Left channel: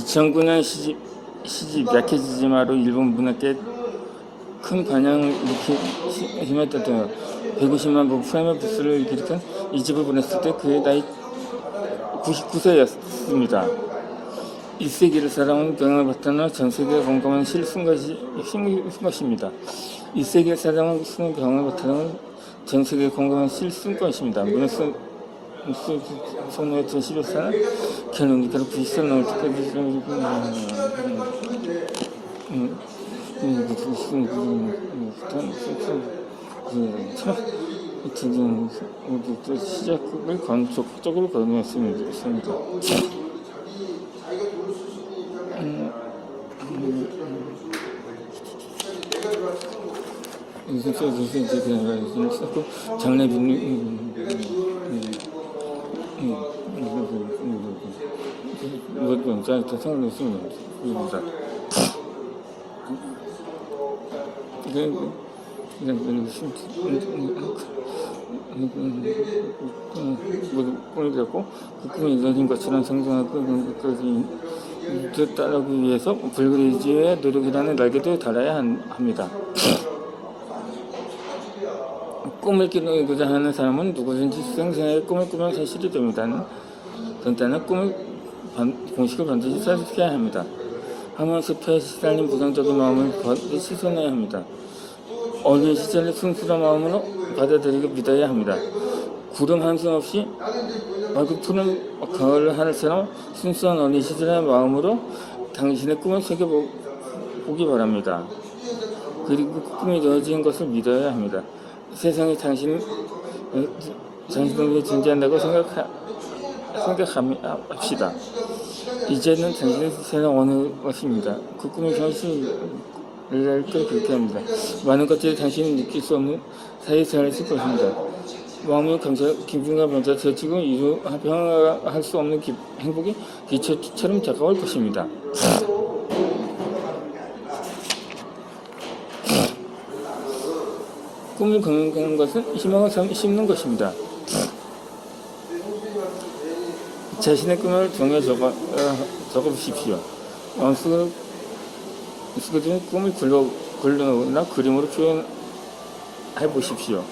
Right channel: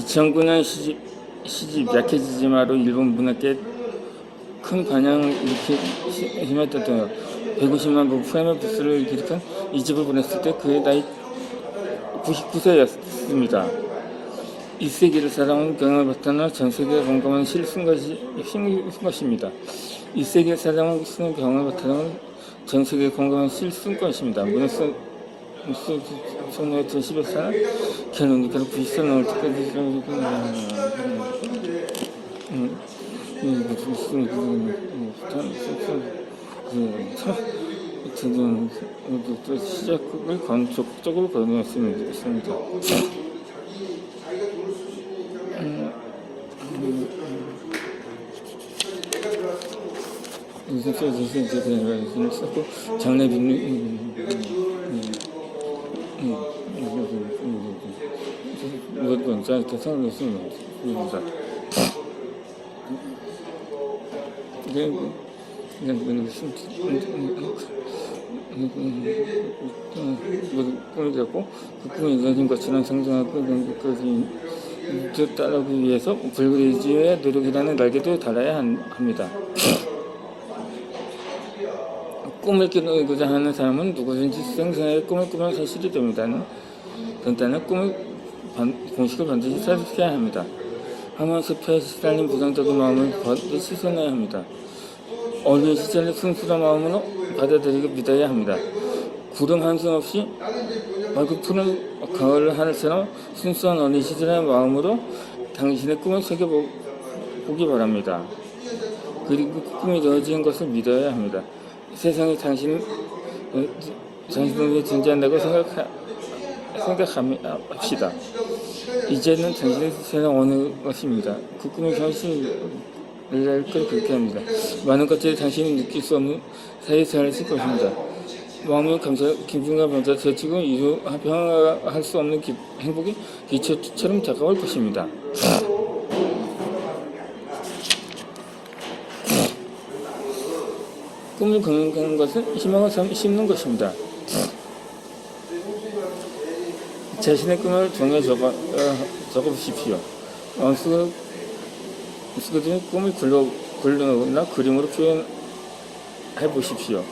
2009년 시집 약해지지마로 일본 문학계에 큰 반향을 일으키며 150만 부 프레임버스를 기록한 이 집을 보냈을 때 그의 나이 99세였습니다. 이 세계를 살아온 경험을 바탕으로 전 세계에 공감한 시를 쓴 것입니다. 이 세계를 살아온 경험을 바탕으로 전 세계에 공감한 시를 쓴 것입니다. 문학소 성노의 11사는 개론이께로 90살 넘을 때까지 시작을 적극적으로 권유했습니다. 장례 꿈을 잡고 그 꿈이 이루어진 것처럼 상상하고 그것까지 따르기 위해서 불그리지의 노력이라는 날개도 달아야 합니다. 꿈을 꾸고자 하는 사람은 누구든지 생생하게 꿈을 꾸면 현실이 됩니다. 간단한 꿈을 공식을 반드시 사수해야 합니다. 항상 습해에 시달린 부정적인 마음을 씻어내야 합니다. 어린 시절의 순수한 마음으로 받아들이고 믿어야 합니다. 구름 한숨 없이 맑고 푸른 가을 하늘처럼 순수한 어린 시절의 마음으로 당신의 꿈을 새겨보기 바랍니다. 그리고 그 꿈이 이루어진 것을 믿어야 합니다. 세상에 당신을 위해 존재한다고 생각합시다. 이제는 당신의 세상을 어느 것입니다. 그 꿈이 현실을 그렇게 합니다. 많은 것들이 당신이 느낄 수 없는 사이에 살았을 것입니다. 마음이 기쁨과 먼저 제치고 평화할 수 없는 행복이 기초처럼 다가올 것입니다. 꿈을 꾸는 것은 희망을 심는 것입니다. 자신의 꿈을 종이에 적어보십시오. 쓰거든 꿈을 글로나 그림으로 표현해 보십시오.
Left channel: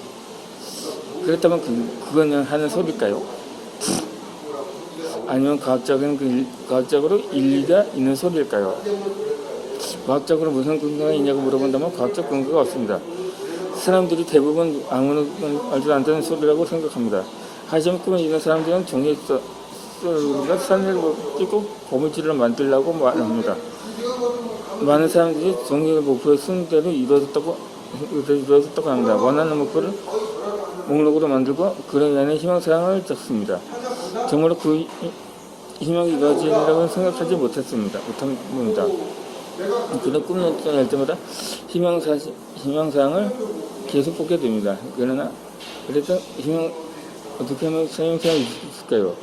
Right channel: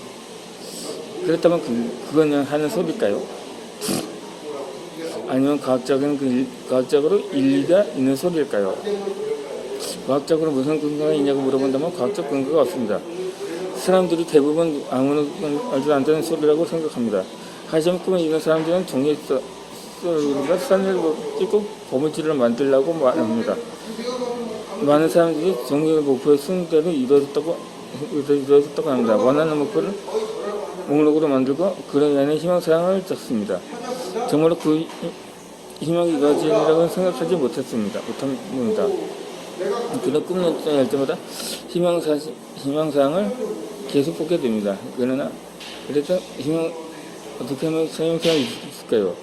그렇다면 그건 하는 소리일까요? 아니면 과학적으로 일리가 있는 소리일까요? 과학적으로 무슨 근거가 있냐고 물어본다면 과학적 근거가 없습니다. 사람들이 대부분 아무나 말도 안 되는 소리라고 생각합니다. 하지만 꿈을 이룬 사람들은 종이에 써서 산을 띄고 보물지를 만들려고 말합니다. 많은 사람들이 종이의 목표에 쓴 대로 이루어졌다고 합니다. 원하는 목표를 목록으로 만들고 그런 안에 희망사항을 적습니다. 정말로 그 희망이 이루어지리라고 생각하지 못합니다. 그런 꿈을 할 때마다 희망사항을 계속 보게 됩니다. 그래서 어떻게 하면 희망사항이 있을까요?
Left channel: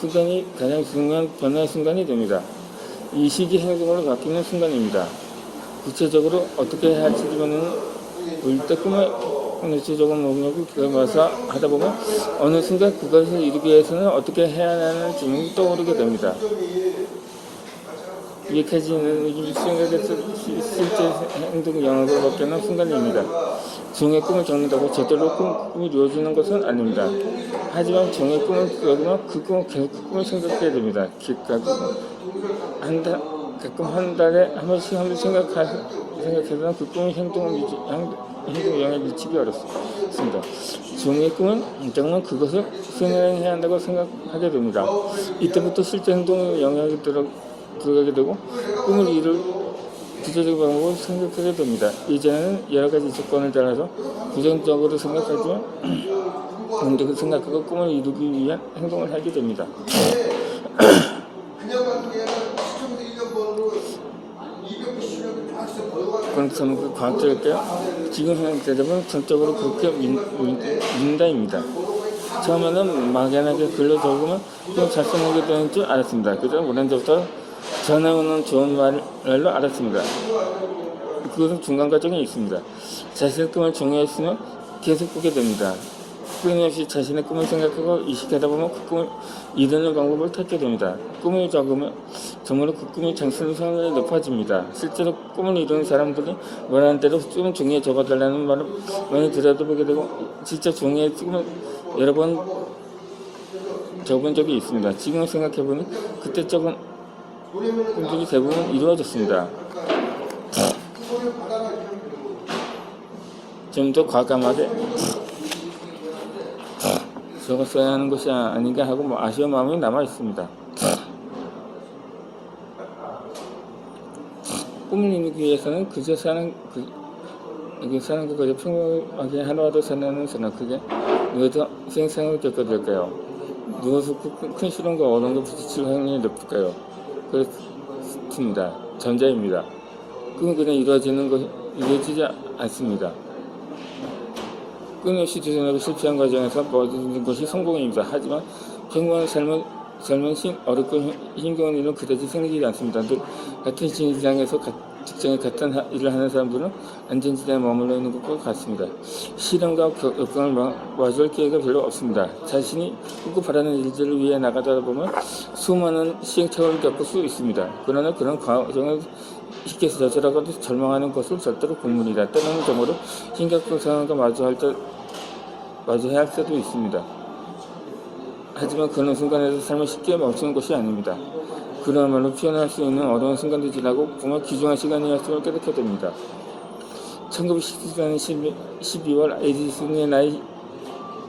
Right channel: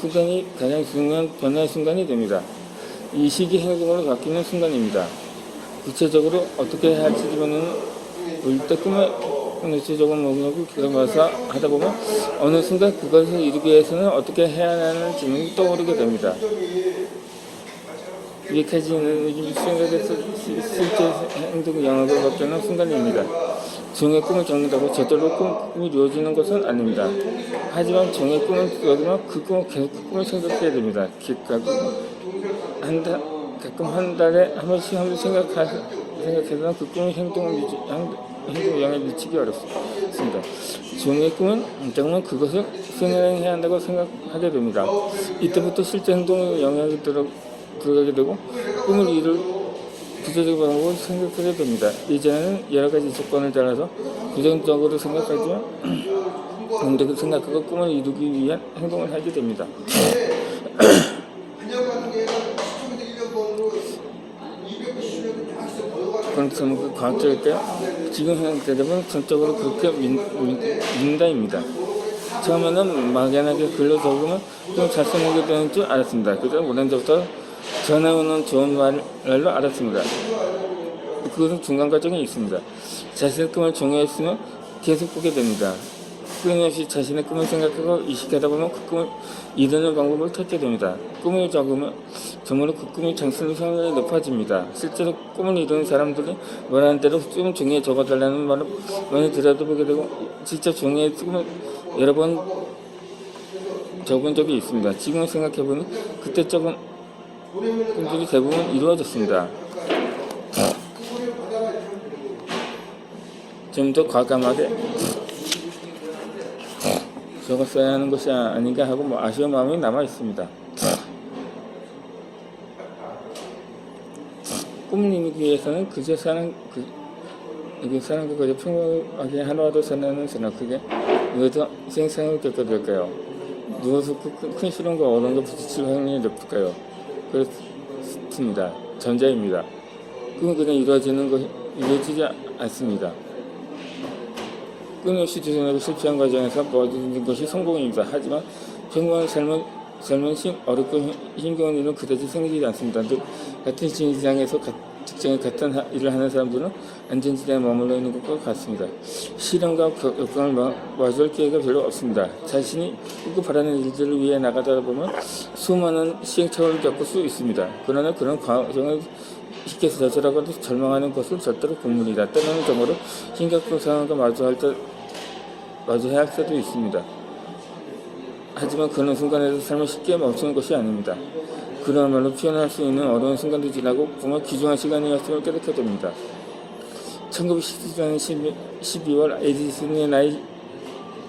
순간이 가장 중요한 변화의 순간이 됩니다. 이 시기 행동으로 바뀌는 순간입니다. 구체적으로 어떻게 할지보다는 일단 꿈을 구체적으로 뭐냐고 그걸 하다 보면 어느 순간 그것을 이루기 위해서는 어떻게 해야 하는 질문이 떠오르게 됩니다. 위에까지는 수행에서 실제 행동의 영역으로 바뀌는 순간입니다. 종의 꿈을 적는다고 저절로 꿈이 이루어지는 것은 아닙니다. 하지만 종의 꿈을 적으면 그 꿈을 생각해야 됩니다. 가끔 한 달에 한 번씩 생각해서 그 꿈의 행동에 영향을 미치기 어렵습니다. 종의 꿈은 적으면 그것을 수행해야 한다고 생각하게 됩니다. 이때부터 실제 행동에 영향이 들어가게 되고 꿈을 이룰 구체적인 방법을 생각하게 됩니다. 이제는 여러 가지 조건을 따라서 부정적으로 생각하지만 긍정적으로 생각하고 꿈을 이루기 위한 행동을 하게 됩니다. 그렇다면 그 과학적일까요? 지금 현 대답은 전적으로 그렇게 민다입니다. 처음에는 막연하게 글로 적으면 또 잘 쓰는 게 되는 줄 알았습니다. 그래서 못한 적도 전해오는 좋은 말로 알았습니다. 그것은 중간 과정이 있습니다. 자신의 꿈을 종이에 쓰면 계속 보게 됩니다. 끊임없이 자신의 꿈을 생각하고 이식하다 보면 그 꿈을 이루는 방법을 찾게 됩니다. 꿈을 적으면 정말로 그 꿈이 장수는 성능이 높아집니다. 실제로 꿈을 이루는 사람들이 말하는 대로 좀 종이에 적어달라는 말을 많이 들어보게 되고 직접 종이에 여러 번 적은 적이 있습니다. 지금 생각해보니 그때 적은 꿈들이 대부분 이루어졌습니다. 좀 더 과감하게 적었어야 하는 것이 아닌가 하고 아쉬운 마음이 남아 있습니다. 꿈을 이루기 위해서는 그저 사람과 그저 평범하게 하루하루 살아가는 사람, 그게 무엇을 생생을 겪게 될까요? 무엇을 큰 시련과 어려움과 부딪힐 확률이 높을까요? 그렇습니다. 전자입니다. 꿈은 그냥 이루어지지 않습니다. 끊임없이 도전하고 실패한 과정에서 모든 것이 성공입니다. 하지만 평범한 삶은 어렵고 힘겨운 일은 그다지 생기지 않습니다. 늘 같은 직장에서 직장에 같은 일을 하는 사람들은 안전지대에 머물러 있는 것과 같습니다. 시련과 역경을 마주할 기회가 별로 없습니다. 자신이 꿈꾸 바라는 일들을 위해 나가다 보면 수많은 시행착오를 겪을 수 있습니다. 그러나 그런 과정을 쉽게 저질하고도 절망하는 것은 절대로 공문이다. 때로는 정말로 심각한 상황과 마주해야 할 때도 있습니다. 하지만 그런 순간에서 삶을 쉽게 멈추는 것이 아닙니다. 그야말로 표현할 수 있는 어려운 순간도 지나고 정말 귀중한 시간이었음을 깨닫게 됩니다. 1914년 12월 에디슨의 나이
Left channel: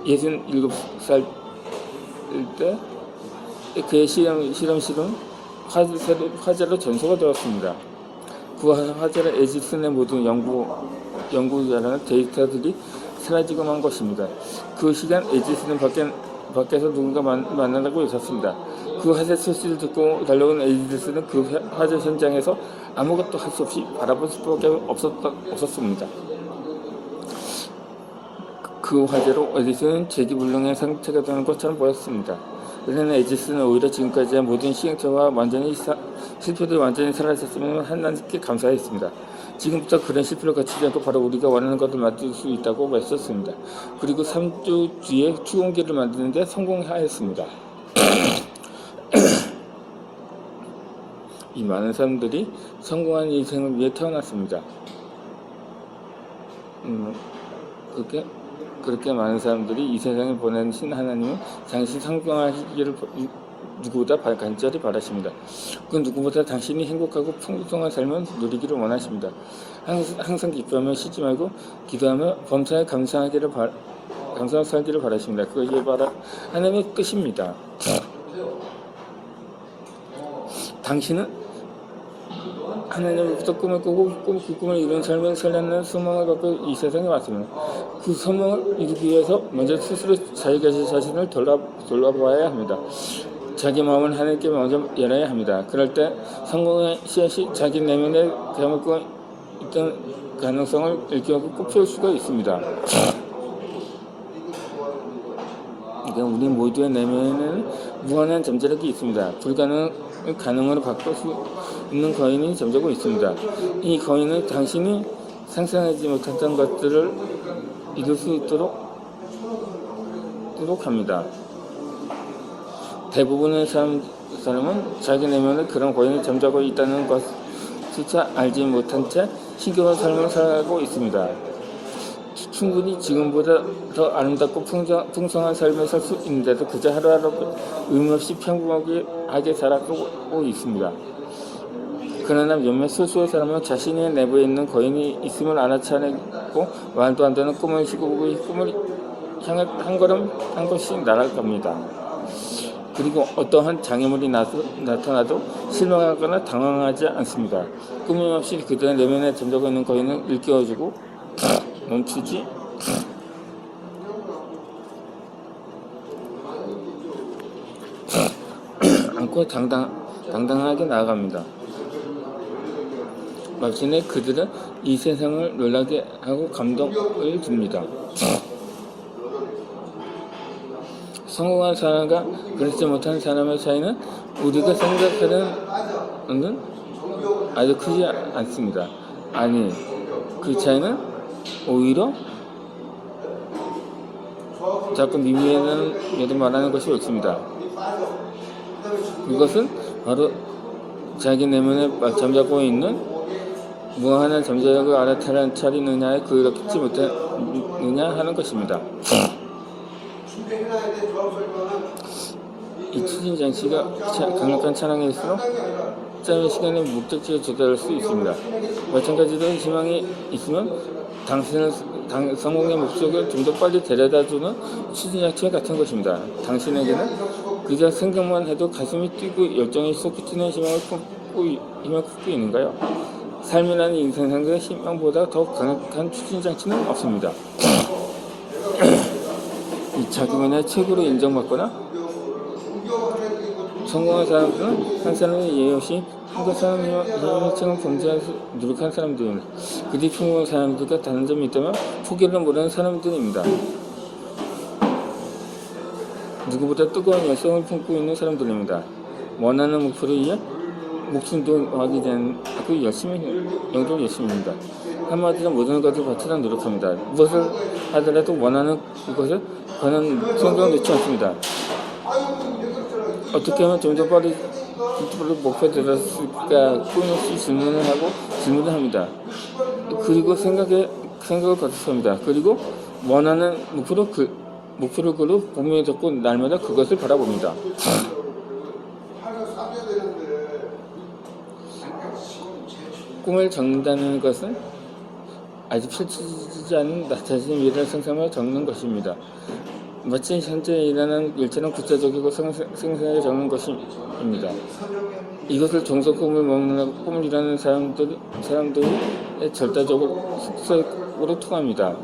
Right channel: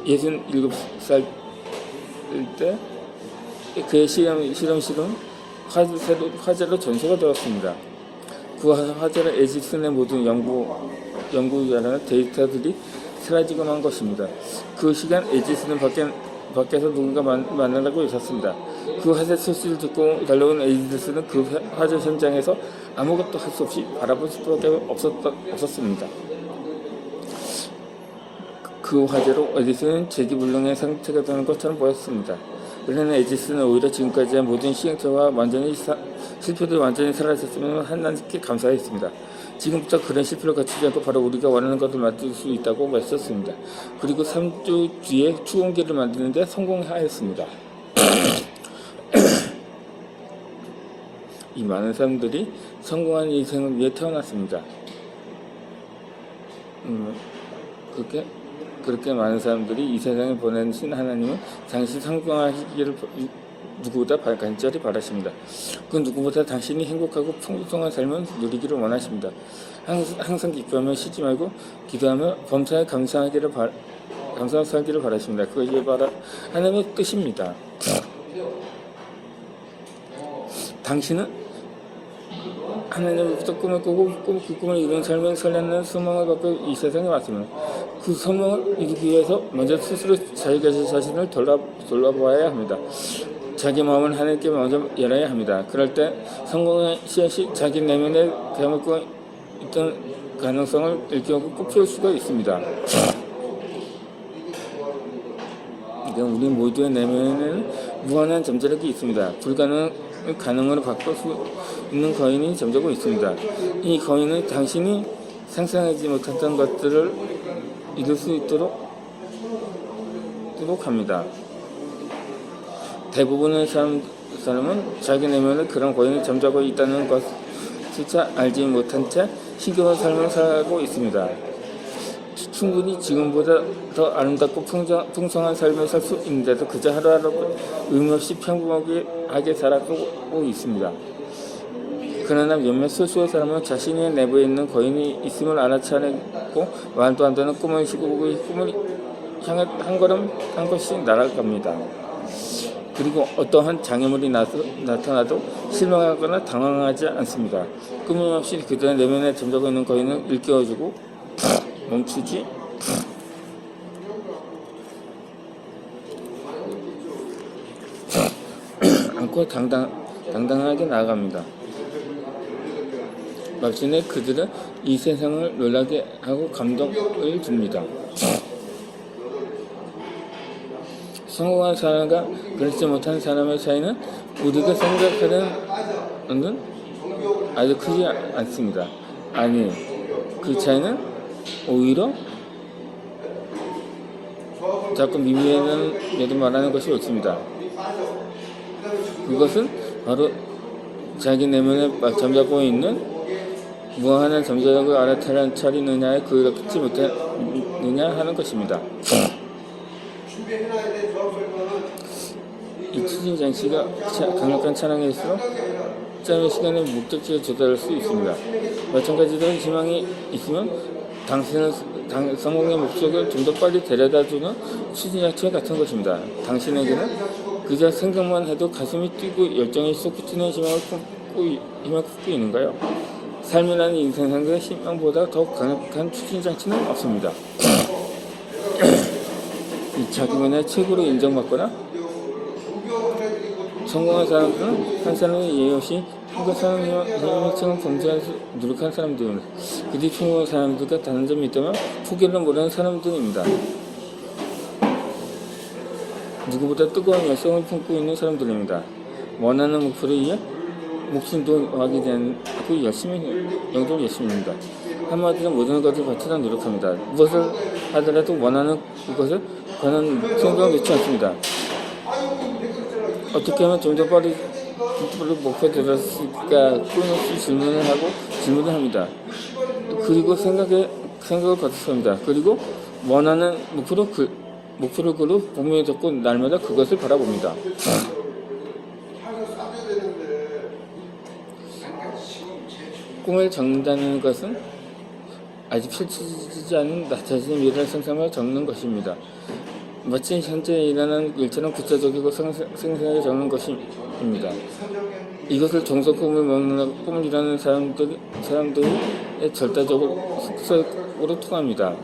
67살일 때 그의 실험실은 화재로 전소가 되었습니다. 그 화재로 에디슨의 모든 연구자라는 데이터들이 사라지고 만 것입니다. 그 시간 에디슨은 밖에서 누군가 만나고 있었습니다. 그 화재 소식을 듣고 달려온 에디슨은 그 화재 현장에서 아무것도 할 수 없이 바라볼 수밖에 없었습니다. 그 화재로 에디슨은 재기불능의 상태가 되는 것처럼 보였습니다. 그러나 에디슨은 오히려 지금까지의 모든 시행착오와 실패들이 완전히 사라졌으면 하나님께 감사했습니다. 지금부터 그런 실패를 갖추지 않고 바로 우리가 원하는 것을 만들 수 있다고 말했습니다. 그리고 3주 뒤에 추궁기를 만드는 데 성공하였습니다. 이 많은 사람들이 성공한 인생을 위해 태어났습니다. 그렇게 많은 사람들이 이 세상에 보내신 하나님은 당신 성공하시기를 누구보다 간절히 바라십니다. 그 누구보다 당신이 행복하고 풍성한 삶을 누리기를 원하십니다. 항상 기뻐하며 쉬지 말고 기도하며 범사에 감사하기를 바라십니다. 그것이 바로 하나님의 뜻입니다. 당신은 하나님으로부터 꿈을 꾸고 그 꿈을 이룬 삶을 살려는 소망을 갖고 이 세상에 왔습니다. 그 소망을 이루기 위해서 먼저 스스로 자신을 돌아보아야 합니다. 자기 마음을 하나님께 먼저 열어야 합니다. 그럴 때 성공의 씨앗이 자기 내면에 대먹고 있던 가능성을 일깨우고 꽃피울 수가 있습니다. 우리 모두의 내면에는 무한한 잠재력이 있습니다. 가능으로 바꿀 수 있는 거인이 잠자고 있습니다. 이 거인은 당신이 상상하지 못했던 것들을 이룰 수 있도록 합니다. 대부분의 사람은 자기 내면에 그런 거인이 잠자고 있다는 것조차 알지 못한 채 신경을 삶을 살고 있습니다. 충분히 지금보다 더 아름답고 풍성한 삶을 살 수 있는데도 그저 하루하루 의미 없이 평범하게 살아가고 있습니다. 그러나 몇몇 소수의 사람은 자신의 내부에 있는 거인이 있음을 알아차리고 말도 안 되는 꿈을 시고고 이 꿈을 향해 한 걸씩 나갈 겁니다. 그리고 어떠한 장애물이 나타나도 실망하거나 당황하지 않습니다. 꿈이 없이 그들의 내면에 잠자고 있는 거인을 일깨워주고 멈추지 않고 당당하게 나아갑니다. 마침내 그들은 이 세상을 놀라게 하고 감동을 줍니다. 성공한 사람과 그렇지 못한 사람의 차이는 우리가 생각하는 것은 아주 크지 않습니다. 그 차이는 오히려 자꾸 미미하는 말하는 것이 옳습니다. 이것은 바로 자기 내면에 잠자고 있는 무한한 잠자력을 알아차리느냐에 그렇지 못하느냐 하는 것입니다. 이 추진장치가 강력한 찬양일수록 짧은 시간에 목적지에 도달할 수 있습니다. 마찬가지로 희망이 있으면 성공의 목적을 좀 더 빨리 데려다주는 추진장치 같은 것입니다. 당신에게는 그저 생각만 해도 가슴이 뛰고 열정이 솟구치는 희망을 품고 있는가요? 삶이라는 인생상의 희망보다 더 강력한 추진장치는 없습니다. 자기만의 책으로 인정받거나 성공한 사람들은 한 사람의 예의 없이 한 사람의 희망을 범죄해서 노력한 사람들입니다. 그들이 성공한 사람들과 다른 점이 있다면 포기를 모르는 사람들입니다. 누구보다 뜨거운 열성을 품고 있는 사람들입니다. 원하는 목표를 위해 목숨도 하게 된 그 영도 열심입니다. 한마디로 모든 것을 바치려 노력합니다. 무엇을 하더라도 원하는 것을 가는 생각을 놓지 않습니다. 어떻게 하면 좀 더 빨리 목표에 들었을까 끊임없이 질문을 합니다. 그리고 생각을 거듭합니다. 그리고 원하는 목표를 그로 몸에 잡고 날마다 그것을 바라봅니다. 꿈을 적는다는 것은 아직 펼쳐지지 않은 나 자신의 미래를 상상하며 적는 것입니다. 마치 현재 일하는 일처럼 구체적이고 생생하게 적는 것입니다. 이것을 정석 꿈이라는 사람들의 절대적으로 통합니다.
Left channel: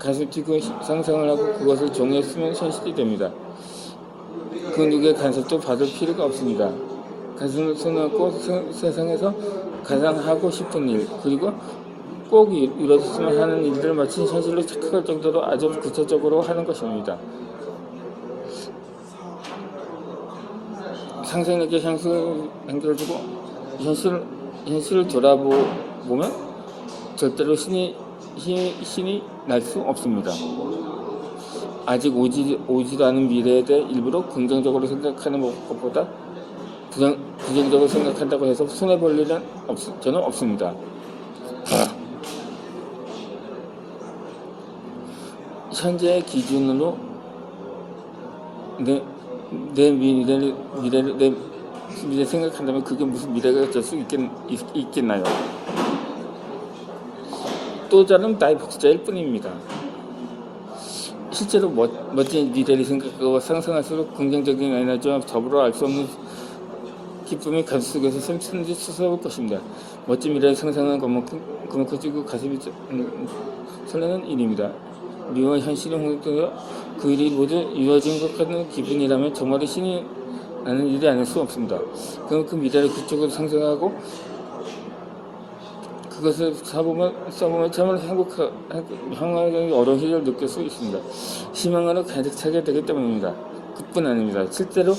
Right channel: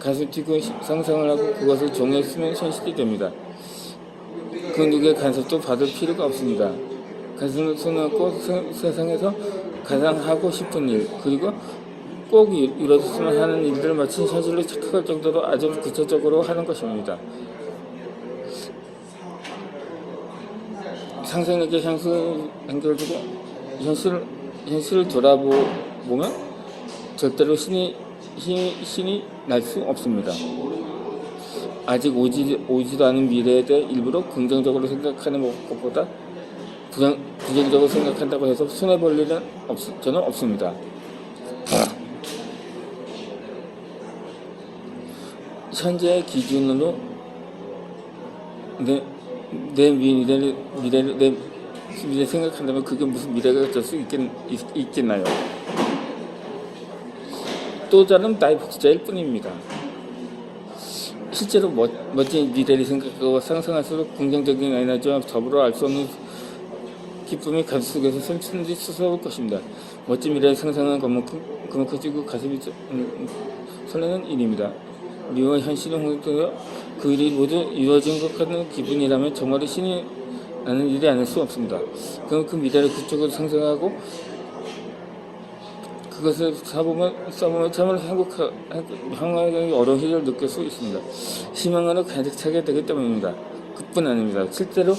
가슴 뛰고 상상을 하고 그것을 종이에 쓰면 현실이 됩니다. 그 누구의 간섭도 받을 필요가 없습니다. 가슴을 써놓고 세상에서 가장 하고 싶은 일, 그리고 꼭 이루어졌으면 하는 일들을 마치 현실로 착각할 정도로 아주 구체적으로 하는 것입니다. 상상력의 향수를 연결되고 현실을 돌아보면 절대로 신이 날 수 없습니다. 아직 오지도 않은 미래에 대해 일부러 긍정적으로 생각하는 것보다 부정적으로 생각한다고 해서 손해볼 일은 저는 없습니다. 현재의 기준으로 내 미래 생각한다면 그게 무슨 미래가 될 수 있겠나요? 또 다른 다이버트자일 뿐입니다. 실제로 멋진 미래를 생각하고 상상할수록 긍정적인 에너지와 더불어 알 수 없는 기쁨이 가슴 속에서 샘솟는지 솟아올 것입니다. 멋진 미래를 상상하는 그만큼 커지고 가슴이 설레는 일입니다. 미워와 현실이 홍역되어 그 일이 모두 이루어진 것 같은 기분이라면 정말로 신이 나는 일이 아닐 수 없습니다. 그럼 그 미래를 그쪽으로 상상하고 그것을 써보면 참 행복하게 어려운 일을 느낄 수 있습니다. 희망으로 가득 차게 되기 때문입니다. 그뿐 아닙니다. 실제로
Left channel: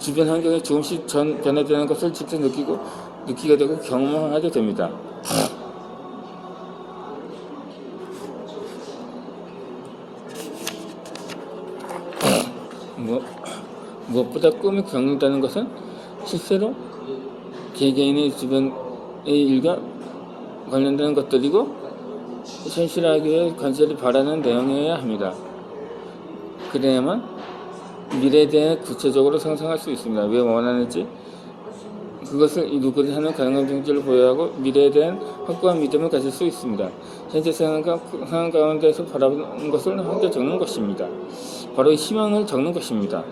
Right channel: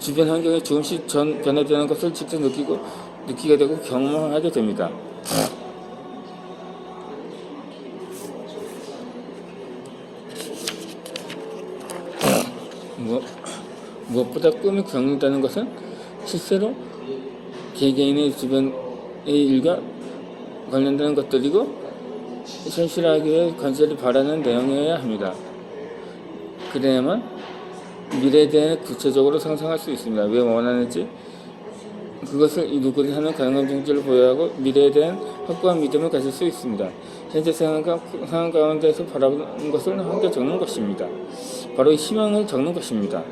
주변 환경이 조금씩 변화되는 것을 직접 느끼게 되고 경험하게 됩니다. 무엇보다 꿈을 겪는다는 것은 실제로 개개인의 주변의 일과 관련되는 것들이고 현실화하기에 건설이 바라는 내용이어야 합니다. 그래야만 미래에 대해 구체적으로 상상할 수 있습니다. 왜 원하는지 그것을 이루고자 하는 가능한 존재를 보여야 하고 미래에 대한 확고한 믿음을 가질 수 있습니다. 현재 상황 가운데서 바라보는 것을 함께 적는 것입니다. 바로 희망을 적는 것입니다.